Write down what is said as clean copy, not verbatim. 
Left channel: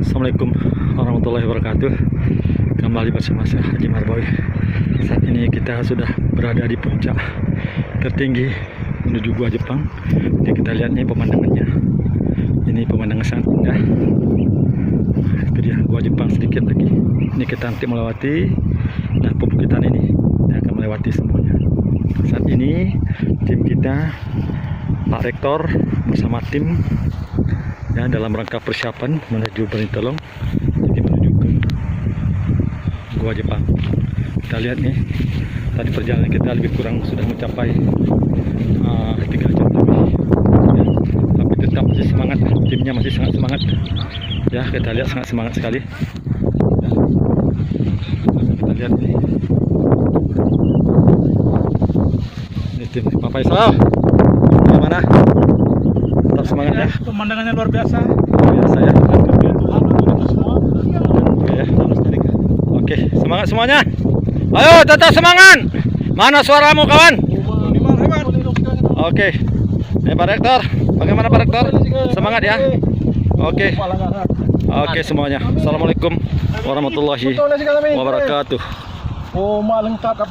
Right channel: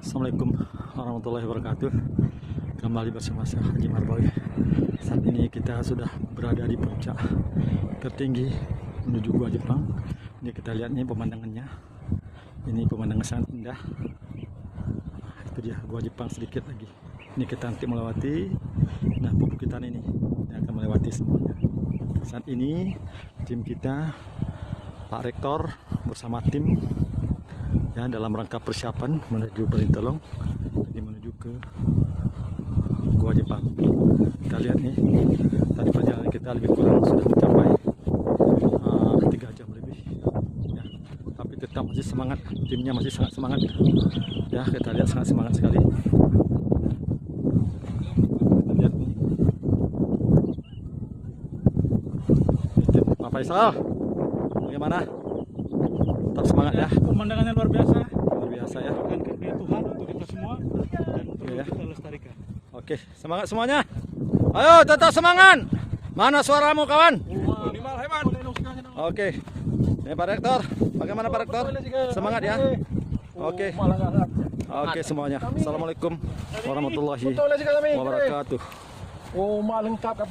Assalamualaikum warahmatullahi wabarakatuh. Kembali bersama saya Haji Marboy. Saat ini kita sudah berada di puncak tertinggi menuju Gua Jepang. Jadi kita lihat nih pemandangannya. Ini pemandangan sangat indah. Itu dia Gua Jepang sedikit lagi. Ini kita nanti melewati. Nah, pebukitan ini akan melewati semuanya. Saat ini tim kita, Pak Rektor bersama tim ya, dalam rangka persiapan menuju Berintelong, jadi menuju ke Gua Jepang. Kita lihat nih, tadi perjalanan kita lebih kurang sudah mencapai 3 jam lebih ya, tapi tetap masih semangat, timnya masih sangat semangat ya. Kita lihat sangat semangat sekali ya. Kita lihat nih, ini tim Pak Faisal bagaimana? Tetap semangat ya. Pemandangannya luar biasa. Biasa ya. Kerja Tuhan untuk kita semua. Oke ya. Oke, semangat semuanya. Ayo tetap semangat. Mana suaramu kawan? Oke. Pak Rektor, bagaimana Pak Rektor? Semangat ya. Oke. Oke semuanya. Assalamualaikum warahmatullahi wabarakatuh. Oh, lengkap apa?